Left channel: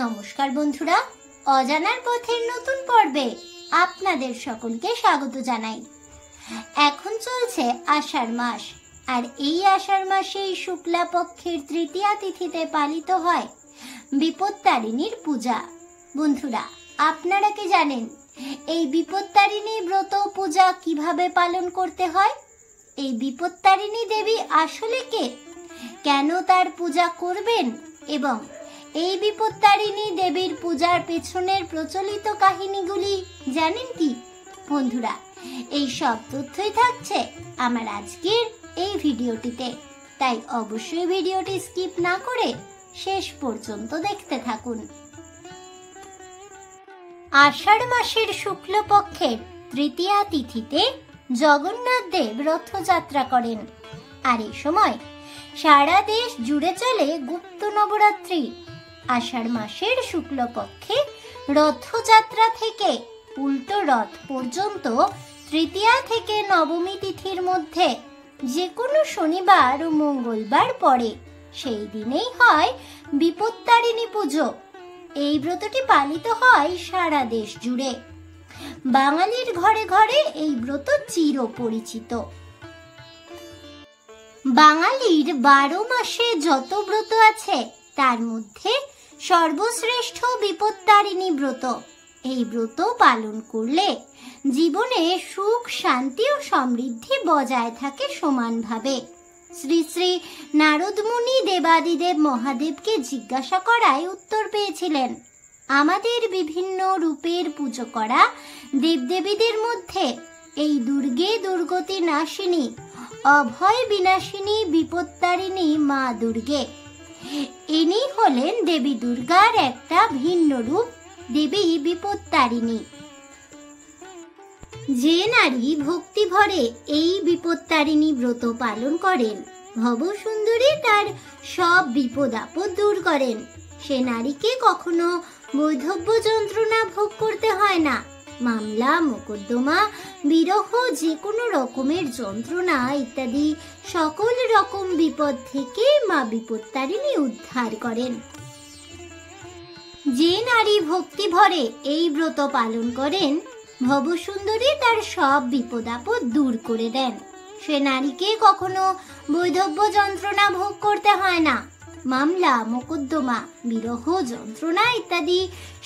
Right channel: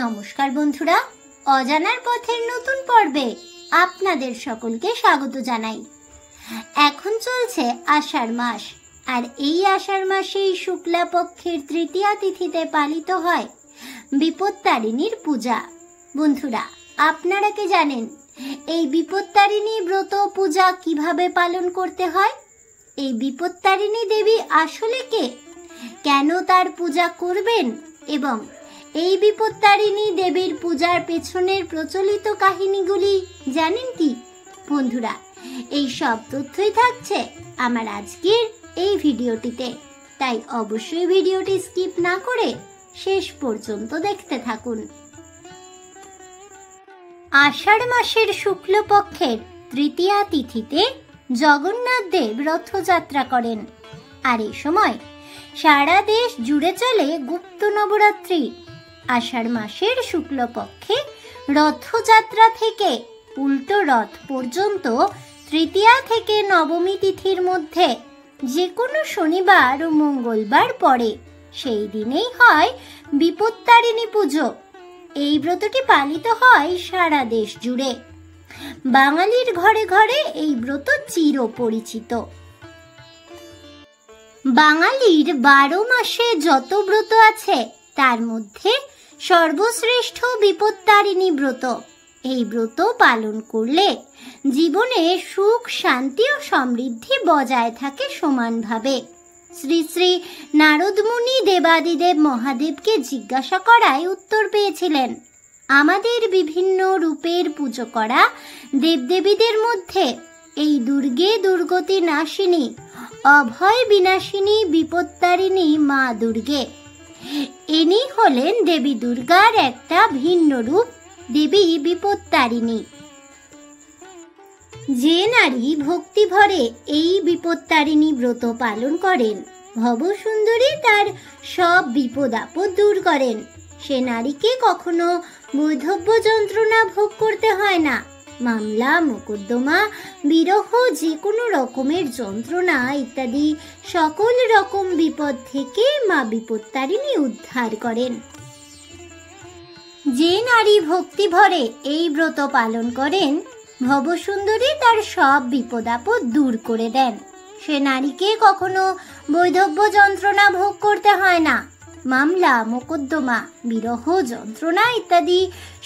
নমস্কার বন্ধুরা, অজানার পথের নতুন পর্বে আপনাদের সকলকে স্বাগত জানাই। এখন চলছে আষাঢ় মাস, আর এই আষাঢ় মাসেই শুক্লা পক্ষের তৃতীয়া তিথিতে পালিত হয় বিপত্তারিণীর পূজা। বন্ধুরা, আপনারা কি জানেন এই বিপত্তারিণী ব্রত পূজা কিভাবে পালন করতে হয়? এই বিপত্তারিণী দেবী আসলে কে, কেন তার পূজা করবেন এবং এই বিপত্তারিণী দেবীর পূজার পেছনের প্রচলিত কাহিনীগুলি জানেন কি? বন্ধুরা, এই সব তথ্যই থাকছে আমার আজকের এই ভিডিওটিতে, তাই অবশ্যই ভিডিওটি স্কিপ না করে শেষ পর্যন্ত দেখতে থাকুন। আষাঢ় মাসের শুক্লপক্ষের তৃতীয়া তিথিতে জগন্নাথ দেব রথযাত্রা করেন, আর এই সময় সারা দেশ জুড়ে চলে গুপ্ত নবরাত্রি। আষাঢ় মাসের শুক্লপক্ষে রথযাত্রা থেকে উল্টো রথ পর্যন্ত তৃতীয়া থেকে নবমী তিথির মধ্যে যে কোনো শনিবার ও মঙ্গলবার পড়ে, সেই দিনেই হয় বিপত্তারিণী পুজো। এই ব্রতটি পালিত হয় সারা দেশ জুড়ে। বাঙালির ঘরে ঘরে এই ব্রত চির পরিচিত। বাঙালির 12 মাসে যত ব্রত আছে তার মধ্যে সর্বশ্রেষ্ঠ বিপত্তারিণী ব্রত। এই ব্রত পালন করলে জীবনে সুখ, শান্তি ও সমৃদ্ধি বজায় থাকে সমানভাবে। শ্রী শ্রী নারদ মুনি দেবাদিদেব মহাদেবকে জিজ্ঞাসা করায় উত্তর পেয়েছিলেন, আমাদের বিভিন্ন রূপের পুজো করা দেবদেবীদের মধ্যে এই দুর্গে দুর্গতি নাশিনী, অভয় বিনাশিনী বিপত্তারিণী মা দুর্গে। ইনি হলেন দেবী দুর্গার একটা ভিন্ন রূপ, দেবী বিপত্তারিণী। যে নারী ভক্তি ভরে এই বিপত্তারিণী ব্রত পালন করেন, ভবসুন্দরী তার সব বিপদ আপদ দূর করেন। সে নারীকে কখনো বৈধব্য যন্ত্রণা ভোগ করতে হয় না। মামলা, মোকদ্দমা, বিরহ, যে কোনো রকমের যন্ত্রণা ইত্যাদি সকল রকম বিপদ থেকে মা বিপত্তারিণী উদ্ধার করেন। যে নারী ভক্তি ভরে এই ব্রত পালন করেন, ভবসুন্দরী তার সব বিপদ আপদ দূর করে দেন। সে নারীকে কখনো বৈধব্য যন্ত্রণা ভোগ করতে হয় না। মামলা, মোকদ্দমা, বিরহ, যন্ত্রণা ইত্যাদি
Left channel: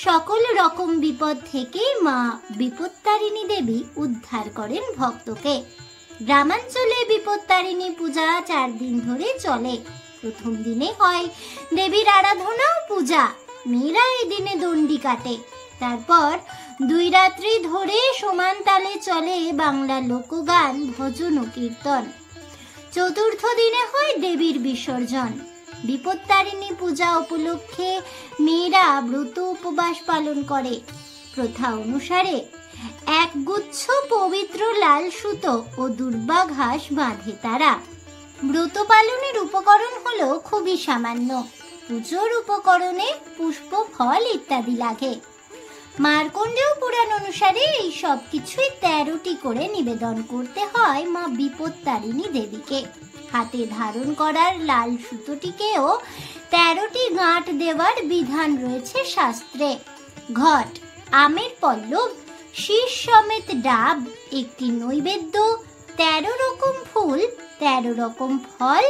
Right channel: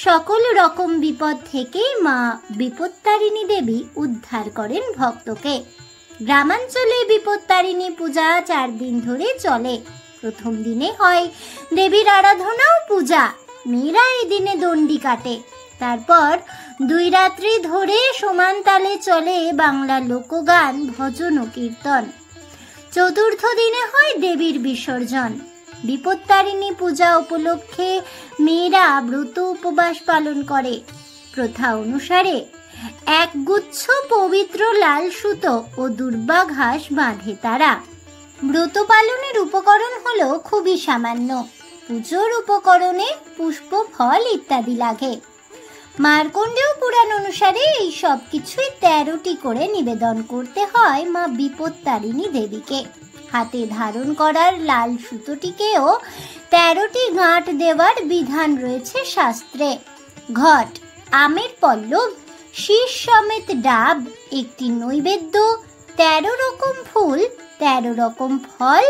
সকল রকম বিপদ থেকে মা বিপত্তারিণী দেবী উদ্ধার করেন ভক্তকে। গ্রামাঞ্চলে বিপত্তারিণী পূজা 4 দিন ধরে চলে। প্রথম দিনে হয় দেবীর আরাধনা ও পূজা, মেয়েরা এই দিনে দণ্ডি কাটে। তারপর 2 রাত্রি ধরে সমান তালে চলে বাংলা লোকগান, ভজন ও কীর্তন। চতুর্থ দিনে হয় দেবীর বিসর্জন। বিপত্তারিণী পূজা উপলক্ষে মেয়েরা ব্রত উপবাস পালন করে। প্রথা অনুসারে এক গুচ্ছ পবিত্র লাল সুতো ও দুর্বা ঘাস বাঁধে তারা। ব্রত পালনের উপকরণ হলো খুবই সামান্য। পুজোর উপকরণে পুষ্প, ফল ইত্যাদি লাগে। মার্কণ্ডেয় পুরাণ অনুসারে এই সব কিছুই 13টি করে নিবেদন করতে হয় মা বিপত্তারিণী দেবীকে। হাতে ধারণ করার লাল সুতোটিকেও 13টি গাঁট দেওয়ার বিধান রয়েছে শাস্ত্রে। ঘট, আমের পল্লব, শীষ সমেত ডাব, একটি নৈবেদ্য, 13 রকম ফুল, 13 রকম ফল,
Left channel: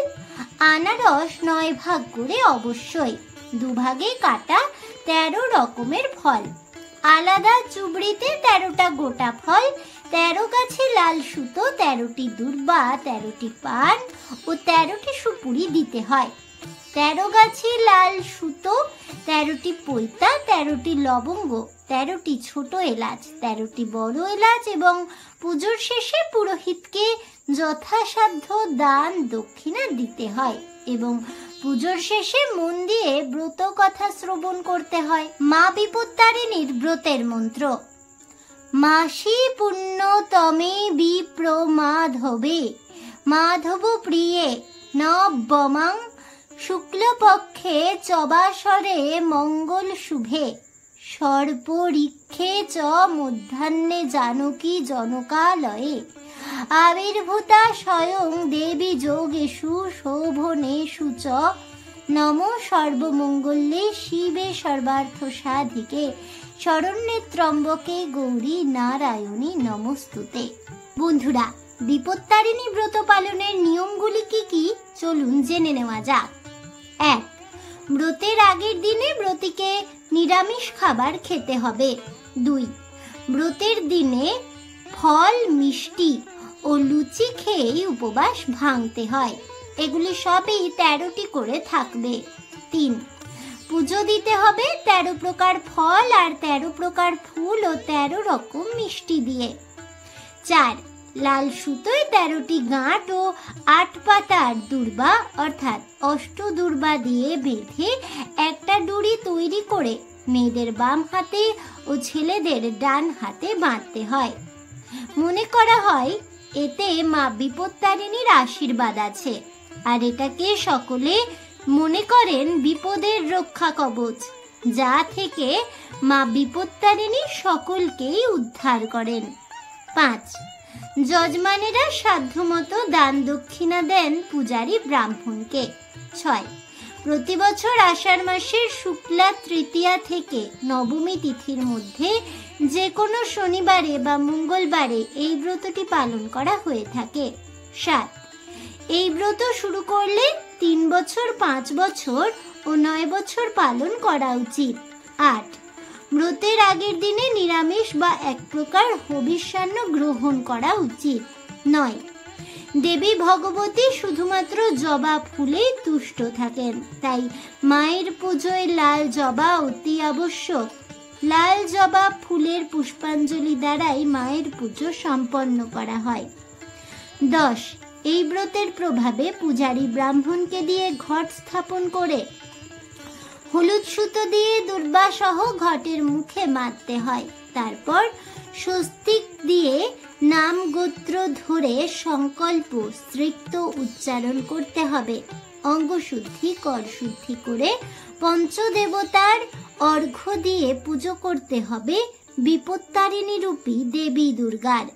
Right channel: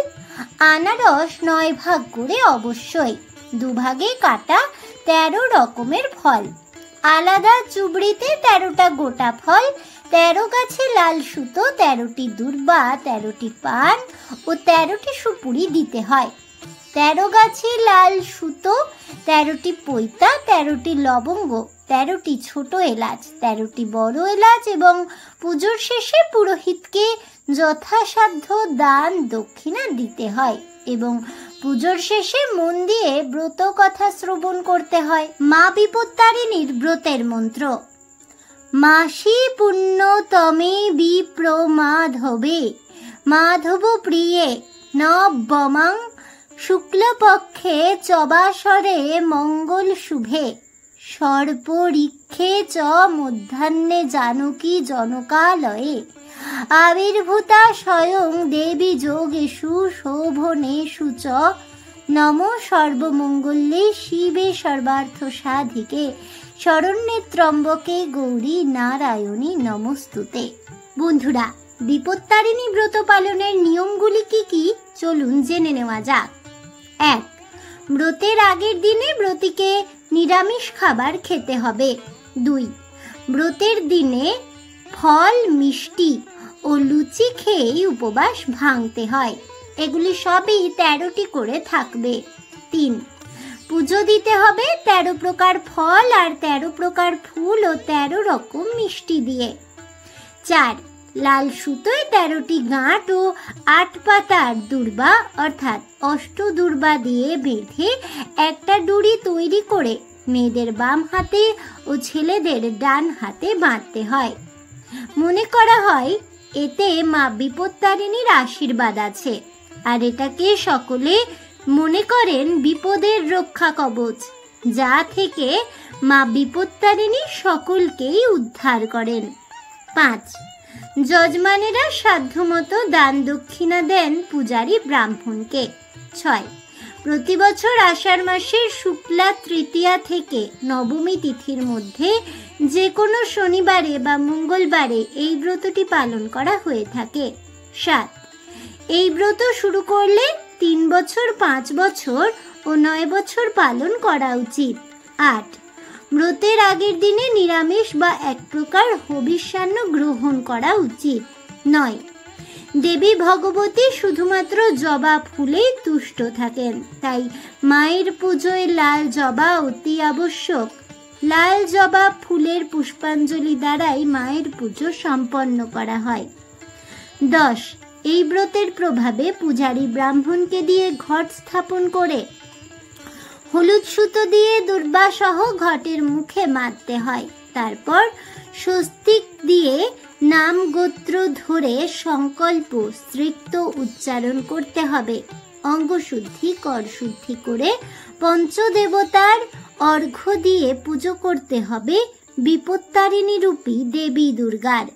আনারস 9 ভাগ করে অবশ্যই, 2 ভাগে কাটা 13 রকমের ফল, আলাদা চুবড়িতে 13টা গোটা ফল, 13 গাছে লাল সুতো, 13টি দুর্বা, 13টি পান ও 13টি সুপুরি দিতে হয়। 13 গাছে লাল সুতো, 13টি পৈতা, 13টি লবঙ্গ, 13টি ছোট এলাচ, 13টি বড় এলাচ এবং পুজোর শেষে পুরোহিতকে যথাসাধ্য দান দক্ষিণা দিতে হয় এবং পুজোর শেষে মন দিয়ে ব্রত কথা শ্রবণ করতে হয়। মা বিপত্তারিণীর ব্রতের মন্ত্র: মাসি পুণ্যতমে বিপ্রমাধবে মাধব প্রিয়ে নবমাং শুক্লপক্ষে চবাসরে মঙ্গল শুভে সর্পরিক্ষে চ মধ্যাহ্নে জানকী জনকালয়ে আবির্ভূতা স্বয়ং দেবী যোগেষু শোভনেষু চ নম সর্বমঙ্গলে শিবে সর্বার্থ সাধিকে শরণ্যে ত্রম্বকে গৌরী নারায়ণী নমস্তুতে। বন্ধুরা, বিপত্তারিণী ব্রত পালনের নিয়মগুলি কি কি চলুন জেনে নেওয়া যাক। 1. ব্রতের আগের দিনে ব্রতীকে নিরামিষ খাবার খেতে হবে। 2. ব্রতের দিনে ফল, মিষ্টি ও লুচি খেয়ে উপবাস ভাঙতে হয়। এগুলি সবই 13টি করে থাকবে। 3. পুজো দিতে হবে 13 প্রকার ফল আর 13 প্রকার ফুল ও 13 রকম মিষ্টি দিয়ে। 4. লাল সুতোয় 13টি গাঁট ও 8 পাতার দুর্বা অর্থাৎ অষ্টদুর্বা দিয়ে বেঁধে একটা ডুরি তৈরি করে মেয়েদের বাম হাতে ও ছেলেদের ডান হাতে বাঁধতে হয়। মনে করা হয় এতে মা বিপত্তারিণীর আশীর্বাদ আছে, আর এটাকে সকলে মনে করেন বিপদের রক্ষা কবচ, যা থেকে মা বিপত্তারিণী সকলকেই উদ্ধার করেন। 5. যজমানেরা সাধ্যমতো দান দক্ষিণা দেন পূজারী ব্রাহ্মণকে। 6. প্রতি বছর আষাঢ় মাসের শুক্লা তৃতীয়া থেকে নবমী তিথির মধ্যে যে কোনো শনিবারে বা মঙ্গলবারে এই ব্রতটি পালন করা হয়ে থাকে। 7. এই ব্রত শুরু করলে 3 বছর, 5 বছর ও 9 বছর পালন করা উচিত। 8. ব্রতের আগের দিনে নিরামিষ বা এক প্রকার হবিষ্যান্ন গ্রহণ করা উচিত। 9. দেবী ভগবতী শুধুমাত্র জবা ফুলেই তুষ্ট থাকেন, তাই মায়ের পুজোয় লাল জবা অতি আবশ্যক। লাল জবা ফুলের পুষ্পাঞ্জলি দ্বারাই মায়ের পুজো সম্পন্ন করা হয়। 10. এই ব্রতের প্রভাবে পূজারী ব্রাহ্মণকে দিয়ে ঘট স্থাপন করে হলুদ সুতো দিয়ে দুর্বা সহ ঘটের মুখে মারতে হয়। তারপর স্বস্তিক দিয়ে নাম গোত্র ধরে সংকল্প স্ত্রীত্ব উচ্চারণ করতে হবে। অঙ্গশুদ্ধি, করশুদ্ধি করে পঞ্চদেবতার অর্ঘ্য দিয়ে পুজো করতে হবে বিপত্তারিণী রূপী দেবী দুর্গার।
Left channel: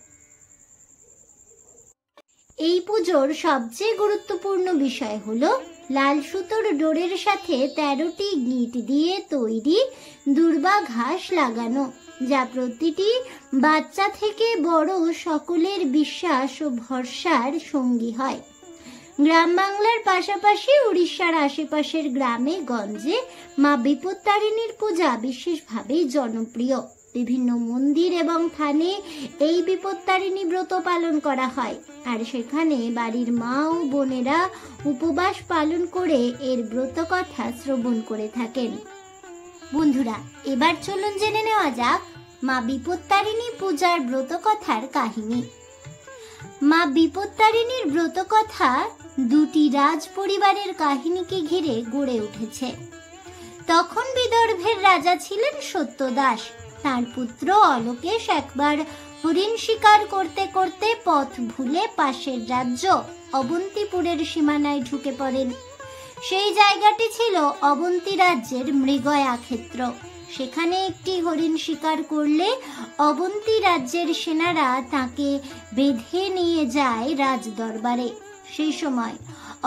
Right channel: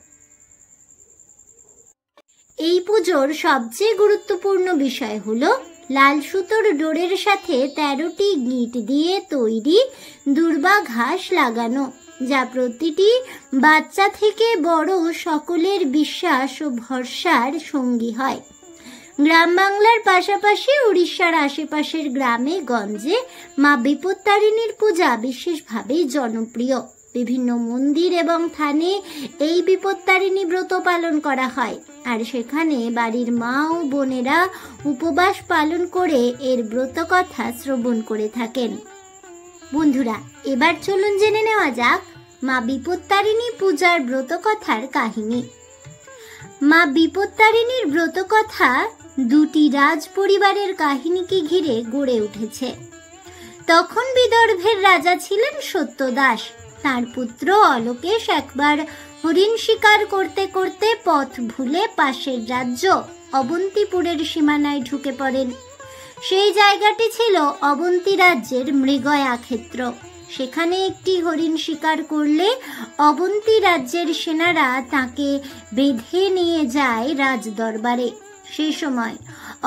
এই পুজোর সবচেয়ে গুরুত্বপূর্ণ বিষয় হলো লাল সুতোর ডোরের সাথে 13টি গিঁট দিয়ে তৈরি দুর্বা ঘাস লাগানো, যা প্রতিটি বাচ্চা থেকে বড় সকলের বিশ্বাস ও ভরসার সঙ্গী হয়। গ্রাম বাংলার পাশাপাশি উড়িষ্যার আশেপাশের গ্রামে গঞ্জে মা বিপত্তারিণীর পূজা বিশেষভাবেই জনপ্রিয়। বিভিন্ন মন্দির এবং থানে এই বিপত্তারিণী ব্রত পালন করা হয়, আর সেখানে বাড়ির মা ও বোনেরা উপবাস পালন করে এর ব্রত কথা শ্রবণ করে থাকেন। বন্ধুরা, এবার চলুন জেনে নেওয়া যাক মা বিপত্তারিণী পূজার ব্রত কথার কাহিনী। মা বিপত্তারিণীর ব্রত কথা 2টি রাজ পরিবারের কাহিনীকে ঘিরে গড়ে উঠেছে। তখন বিদর্ভের রাজা ছিলেন সত্যদাস। তার পুত্র অলোকেশ একবার হরিণ শিকার করতে করতে পথ ভুলে পাশের রাজ্য অবন্তিপুরের সীমানায় ঢুকে পড়েন। সেই জায়গাটি ছিল অবন্তী রাজ্যের মৃগয়া ক্ষেত্র। সেখানে একটি হরিণ শিকার করলে অবন্তী রাজ্যের সেনারা তাকে বেঁধে নিয়ে যায় রাজ দরবারে। সেই সময়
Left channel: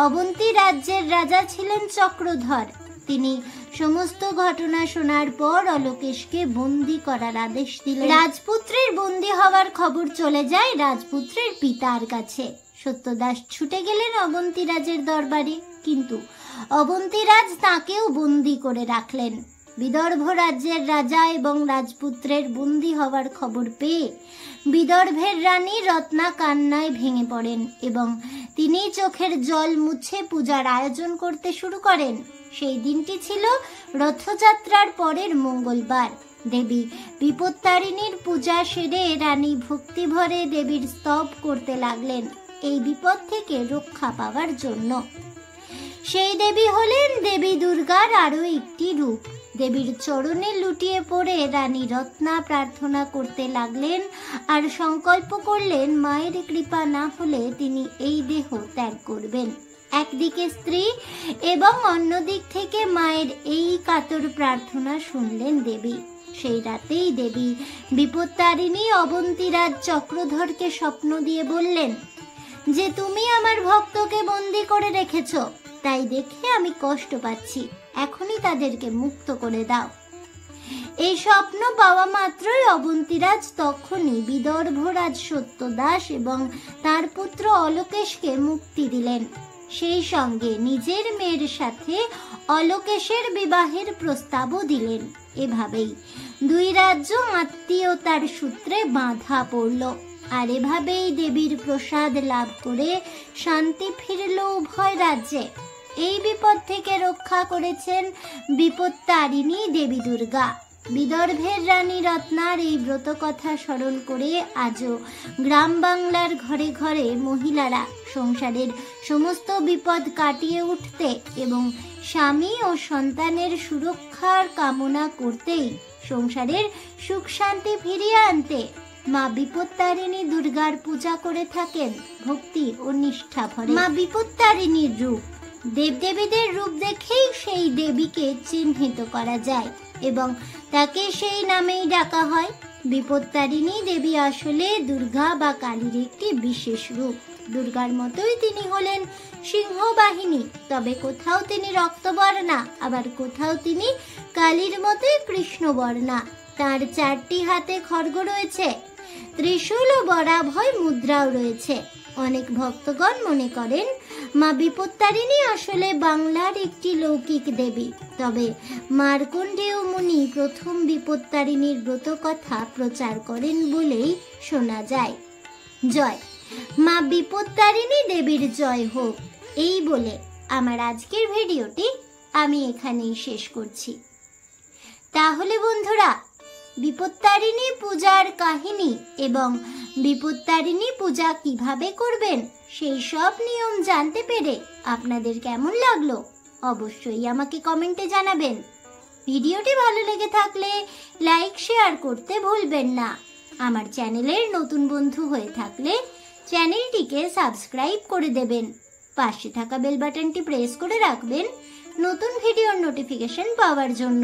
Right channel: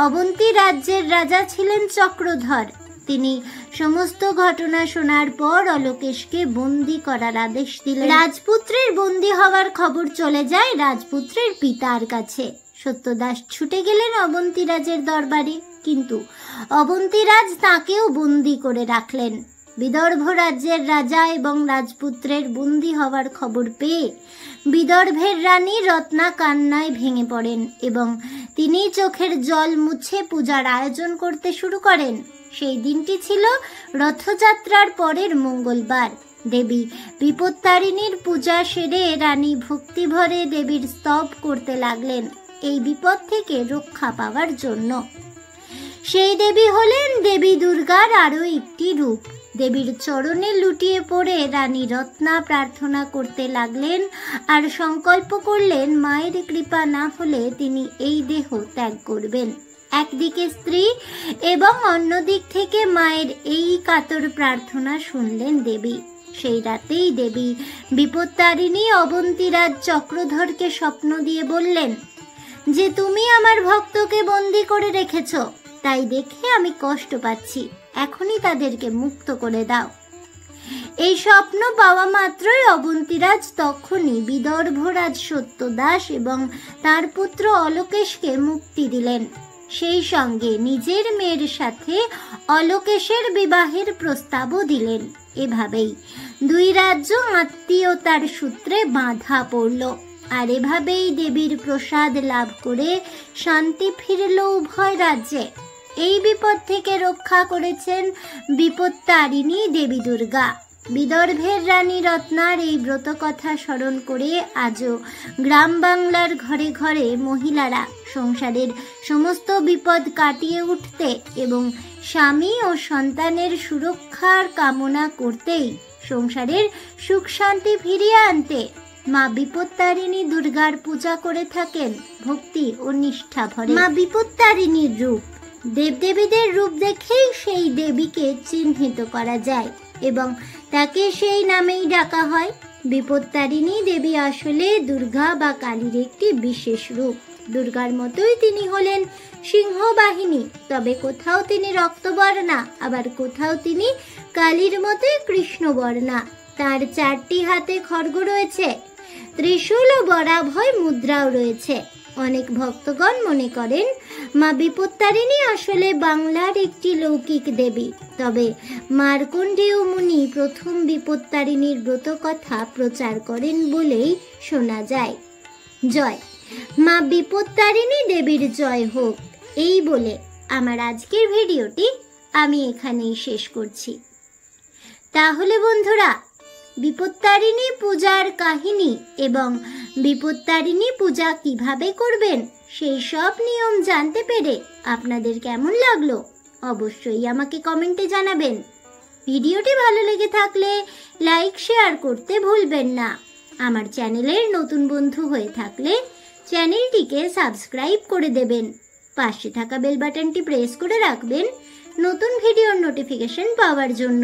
অবন্তী রাজ্যের রাজা ছিলেন চক্রধর। তিনি সমস্ত ঘটনা শোনার পর অলোকেশকে বন্দী করার আদেশ দিলেন। রাজপুত্রের বন্দী হওয়ার খবর চলে যায় রাজপুত্রের পিতার কাছে। সত্যদাস ছুটে গেলেন অবন্তী রাজের দরবারে, কিন্তু অবন্তীরাজ তাকেও বন্দী করে রাখলেন। বিদর্ভ রাজ্যের রাজা এবং রাজপুত্রের বন্দী হওয়ার খবর পেয়ে বিদর্ভের রানী রত্না কান্নায় ভেঙে পড়েন এবং তিনি চোখের জল মুছে পূজার আয়োজন করতে শুরু করেন। সেই দিনটি ছিল রথযাত্রার পরের মঙ্গলবার। দেবী বিপত্তারিণীর পূজা সেরে রানী ভক্তিভরে দেবীর স্তব করতে লাগলেন এই বিপদ থেকে রক্ষা পাওয়ার জন্য। সেই দেবী হলেন দেবী দুর্গার আরো একটি রূপ। দেবীর চরণে লুটিয়ে পড়ে রানী রত্না প্রার্থনা করতে লাগলেন আর সংকল্প করলেন মায়ের কৃপা না হলে তিনি এই দেহ ত্যাগ করবেন। একদিকে স্ত্রী এবং অন্যদিক থেকে মায়ের এই কাতর প্রার্থনা শুনলেন দেবী। সেই রাতেই দেবী বিপত্তারিণী অবন্তীরাজ চক্রধরকে স্বপ্ন দিয়ে বললেন যে তুমি আমার ভক্তকে বন্দী করে রেখেছ, তাই দেখে আমি কষ্ট পাচ্ছি, এখনই তাদেরকে মুক্ত করে দাও। এই স্বপ্ন পাওয়া মাত্রই অবন্তীরাজ তখনই বিদর্ভরাজ সত্যদাস এবং তার পুত্র অলোকেশকে মুক্তি দিলেন। সেই সঙ্গে নিজের মেয়ের সাথে অলোকেশের বিবাহের প্রস্তাবও দিলেন। এভাবেই দুই রাজ্য আত্মীয়তার সূত্রে বাঁধা পড়ল। আর এভাবেই দেবীর প্রসাদ লাভ করে শান্তি ফিরল উভয় রাজ্যে। এই বিপদ থেকে রক্ষা করেছেন বিপত্তারিণী দেবী দুর্গা। বিদর্ভের রানী রত্নার এই ব্রত কথা স্মরণ করে আজও গ্রাম বাংলার ঘরে ঘরে মহিলারা সংসারের সমস্ত বিপদ কাটিয়ে উঠতে এবং স্বামী ও সন্তানের সুরক্ষার কামনা করতেই সংসারের সুখ শান্তি ফিরিয়ে আনতে মা বিপত্তারিণী দুর্গার পূজা করে থাকেন ভক্তি ও নিষ্ঠা ভরে। মা বিপত্তারিণীর রূপ, দেবদেবীদের রূপ দেখেই সেই দেবীকে চিহ্নিত করা যায় এবং তাকে সেই নামেই ডাকা হয়। বিপত্তারিণী দেবী আসলে দুর্গা বা কালীর একটি বিশেষ রূপ। দুর্গার মতোই তিনি হলেন সিংহবাহিনী, তবে কোথাও তিনি রক্তবর্ণা, আবার কোথাও তিনি কালীর মতোই কৃষ্ণবর্ণা। তার 4টি হাতে খড়গ রয়েছে, ত্রিশূল ও বরাভয় মুদ্রাও রয়েছে। অনেক ভক্তগণ মনে করেন মা বিপত্তারিণী আসলে বাংলার একটি লৌকিক দেবী, তবে মার্কণ্ডেয় মুনি প্রথম বিপত্তারিণীর ব্রত কথা প্রচার করেন বলেই শোনা যায়। জয় মা বিপত্তারিণী দেবীর জয় হোক। এই বলে আমার আজকের ভিডিওটি আমি এখানেই শেষ করছি। তাহলে বন্ধুরা, বিপত্তারিণী পূজার কাহিনী এবং বিপত্তারিণী পূজা কিভাবে করবেন সেই সব নিয়ম জানতে পেরে আপনাদের কেমন লাগলো অবশ্যই আমাকে কমেন্টে জানাবেন। ভিডিওটি ভালো লেগে থাকলে লাইক শেয়ার করতে ভুলবেন না। আমার চ্যানেলের নতুন বন্ধু হয়ে থাকলে চ্যানেলটিকে সাবস্ক্রাইব করে দেবেন। পাশে থাকা বেল বাটনটি প্রেস করে রাখবেন নতুন ভিডিওর নোটিফিকেশন পাওয়ার জন্য।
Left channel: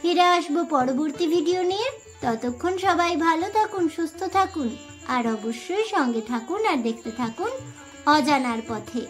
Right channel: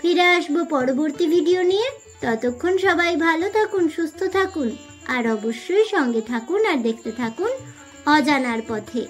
ফিরে আসবো পরবর্তী ভিডিও নিয়ে। ততক্ষণ সবাই ভালো থাকুন, সুস্থ থাকুন আর অবশ্যই সঙ্গে থাকুন আর দেখতে থাকুন অজানার পথে।